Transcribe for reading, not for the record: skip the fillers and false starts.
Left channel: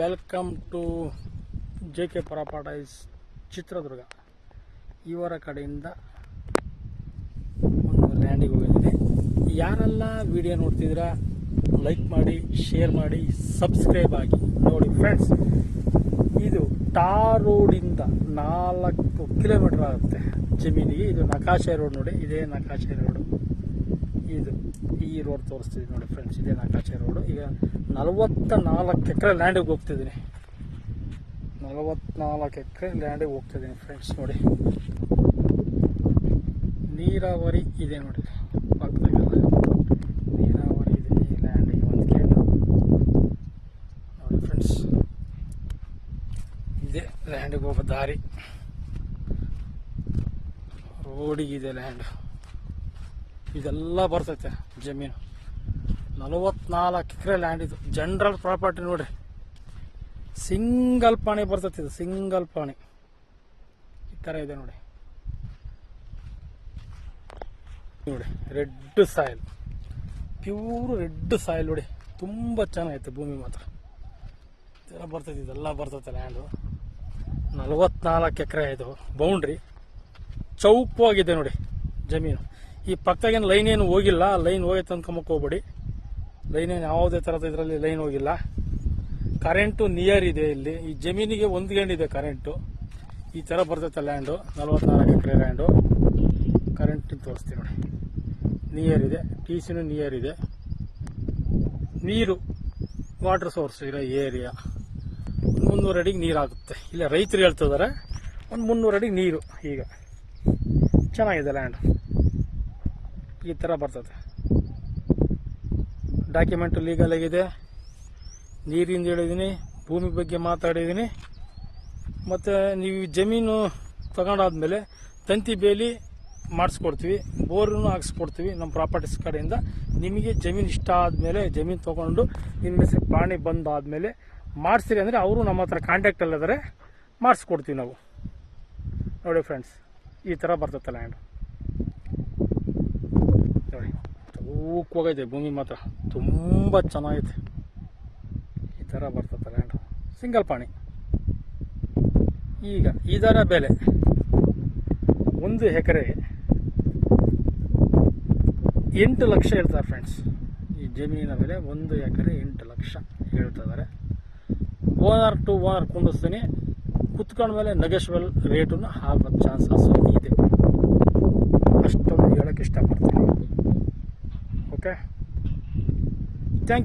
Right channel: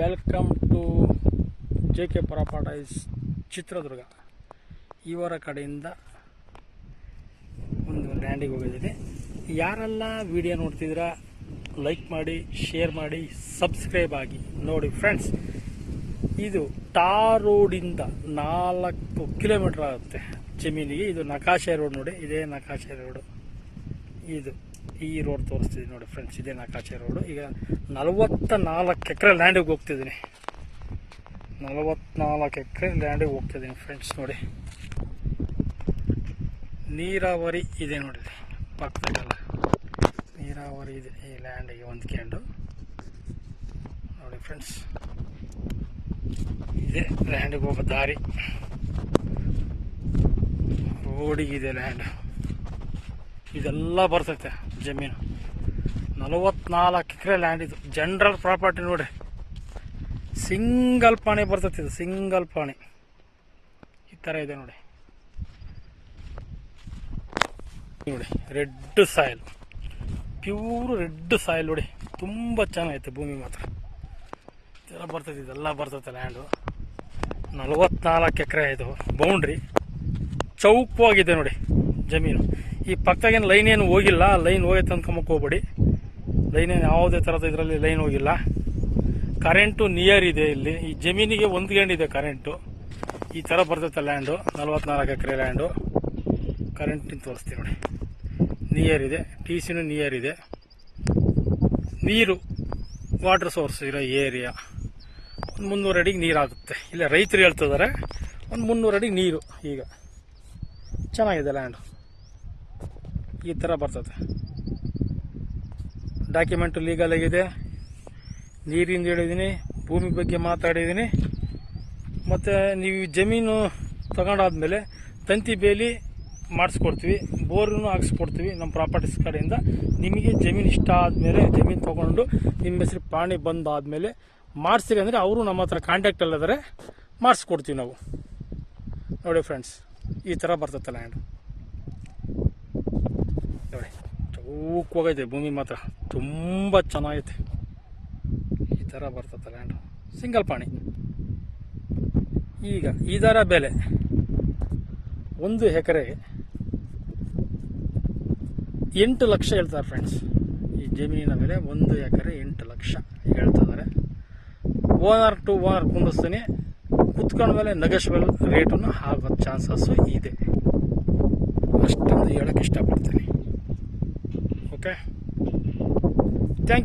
Welcome to JK properties Chitradurga. ಇವರ ಕಡೆಯಿಂದ ಒಂದು ಲ್ಯಾಂಡಿಗೆ ಹೋಗಿದ್ದೀನಿ. ಯಾರೆಲ್ಲ ವಿಡಿಯೋ ನೋಡ್ತಿದ್ದೀರಾ ಲೈಕ್ ಮಾಡಿ, ಶೇರ್ ಮಾಡಿ, ಸಬ್ಸ್ಕ್ರೈಬ್ ಆಗಿ. ನೋಡಿ ಫ್ರೆಂಡ್ಸ್, ಇದು ಟಾರ್ ರೋಡಿಂದ 4 ಕಿಲೋಮೀಟರ್ ಆಗುತ್ತೆ ಜಮೀನಿಗೆ. ಇದು ನಕಾಶೆ ರೋಡ್ ನೋಡಿ, ಇದೇ ನಕಾಶೆ ರೋಡು. ಇದು ಈ ರೋಡ್ ತೋರಿಸ್ತಿದ್ದೀನಿ ನೋಡಿ ಫ್ರೆಂಡ್ಸ್, ಇದೇ ನಕಾಶೆ ರೋಡು. ಈಗ 44 ಎಕರೆ ಲ್ಯಾಂಡಿಗೆ ಹೋಗ್ತಿದ್ದೀನಿ. 44 ಎಕರೆ ಲ್ಯಾಂಡಿಗೆ ಹೋಗ್ತಿದ್ದೀನಿ ಫ್ರೆಂಡ್ಸ್. ನೋಡಿ, ನೀರಾವರಿ ಇದೆ ನೋಡಿ, ಪಕ್ಕದಲ್ಲಿ ನೀರಾವರಿ ಇದೆ ಈ ಲ್ಯಾಂಡಿಗೆ ಹೊಂದ್ಕೊಂಡು. ನೋಡಿ ಫ್ರೆಂಡ್ಸ್, ಇದೇ ಲ್ಯಾಂಡಿಗೆ ಹೋಗೋ ದಾರಿ. ರೋಡಿಗಿದೆ ಲ್ಯಾಂಡ್. ಇದೆಲ್ಲ ಬರ್ತೈತೆ ಜಮೀನು. 44 ಎಕರೆ ಲ್ಯಾಂಡ್. ಇದು ಜನರಲ್ ಪ್ರಾಪರ್ಟಿ ನೋಡಿ. ಸಿಂಗಲ್ ಪಾಣಿ ಬರ್ತೈತೆ. ಇದು ಸಿಂಗಲ್ ಪಾಣಿ ಈ ಥರ ಇದೆ ನೋಡಿ. ನೋಡಿ, red soil, pure red soil ನೋಡಿ. ತುಂಬ ಚೆನ್ನಾಗೈತೆ ಭೂಮಿ ಮಾತ್ರ. ಇದೆಲ್ಲ ಬರ್ತೈತೆ, ಇದೆಲ್ಲ ಬರ್ತೈತೆ ಲ್ಯಾಂಡು. 44 ಎಕರೆ ಇದು ಬೌಂಡ್ರಿ. ಚೌಕವಾಗಿದೆ ನೋಡಿ ಜಮೀನು. ಈ ಪಕ್ಕದಾಗೇನು ಲೈನ್ ಏನು ಹೋಗಿಲ್ಲ. ಲೈನ್ ಹೋಗೈತೆ ಅಂದ್ಕೊಂಬಕ್ಕೆ ಹೋಗ್ಬೇಡಿ. ಲೈನ್ ಏನು ಯಾವುದೇ ಥರದ ಇದರಲ್ಲಿ ಲೈನ್ ಹೋಗಿಲ್ಲ. ಕರೆಂಟು ನಿಯರ್ ಇದೆ ಇಲ್ಲಿ. ಈ ಜಮೀನಿಗೆ ಹೊಂದ್ಕೊಂಡಿದೆ ಕರೆಂಟು. ಈ ಥರ ಬರ್ತೈತೆ ಲ್ಯಾಂಡು. 44 ಎಕರೆ ಲ್ಯಾಂಡು. ಕರೆಂಟಿನ ತೋರಿಸ್ತೀನಿ ನೋಡಿ. ನಿಯರ್ ಇದೆ, TCನೂ ನಿಯರ್ ಇದೆ. ನೀರು ವಾಟರ್ ಸೋರ್ಸ್ ಇರೋ ಏರಿಯಾ. ಒಂದು 300 ಅಡಿಗೆ ನೀರಾಗುತ್ತೆ. ಇಲ್ಲ ರೈತರು ಹೇಳ್ತಿದ್ದಾರೆ ಒಂದು 300 ಅಡಿಗೆ ನೀರು. ಈಗ ಚೆನ್ನಾಗಿದೆ ಲ್ಯಾಂಡು. ಈ ಥರ ಬರ್ತದೆ. ಡಾಕ್ಯುಮೆಂಟು ಲೀಗಲ್ ಆಗಿದೆ. ನೀರಿಂದ ಹೇಳಿದ್ದೀನಿ, ಭೂಮಿ ಬಗ್ಗೆ ಮಾತಾಡಿದ್ದೀನಿ. ಮತ್ತು ನೀವು ಜಮೀನು ತಗೊಂಡಾದ್ಮೇಲೆ ತಂತಿ ಬೇಲಿ ಮಾಡಿಸ್ಕೊಡ್ತೀವಿ, ಬೋರನ್ನು ಹಾಕ್ಸ್ಕೊಡ್ತೀವಿ ನಮ್ಮ ಪ್ರಾಪರ್ಟೀಸ್ ಕಡೆಯಿಂದ. ನಿಮಗೆ ಜಮೀನು ಇಷ್ಟ ಆದಮೇಲೆ, ಜಮೀನು ತೊಗೊಂಡು ನಿಮ್ಮ ಹೆಸರು ಪಾಣಿ ಬಂದಾದಮೇಲೆ ಮಾಡಿಸ್ತೀರಿ ಅಂದರೆ ಅವರು ನಮ್ಮ ಹತ್ರ ಕಾಂಟ್ಯಾಕ್ಟಲ್ಲಿದ್ದಾರೆ, ಮಾಡಿಸ್ಕೊಡ್ತೀವಿ ನಾವು. ನೋಡಿ ಫ್ರೆಂಡ್ಸ್, ಈ ಥರ ಬರ್ತೈತೆ ಲ್ಯಾಂಡು. ನೋಡಿ, ಚೌಕವಾಗೈತೆ ಭೂಮಿ ಮಾತ್ರ. ತುಂಬ ಚೆನ್ನಾಗೈತೆ. ಈ ಥರ ಬರ್ತೈತೆ ಲ್ಯಾಂಡು. ಸಿಂಗಲ್ ಪಾಣಿ. ಈಗ ಇದರ ಬೆಲೆ 1 ಎಕರೆಗೆ 8 ಲಕ್ಷ ಹೇಳ್ತಾರೆ ಫ್ರೆಂಡ್ಸ್. ಈ ಜಮೀನಿನ ಬೆಲೆ 1 ಎಕರೆ 8 ಲಕ್ಷ ಹೇಳ್ತಿದ್ದಾರೆ. ಓನರ್ ಟು ಓನರ್ ಕುಂದಿಸ್ತೀನಿ. ಕುತ್ಕೊಂಡ ಮೇಲೆ ನೆಗೋಷಿಯಬಲ್ ರೇಟನ್ನು ಆಗೋ ಚಾನ್ಸಸ್ಸು ಇದೆ. ಅಷ್ಟೊಂದು ಹೇಳೋಕ್ಕೆ ಇಷ್ಟಪಡ್ತೀನಿ. Okay, thank you.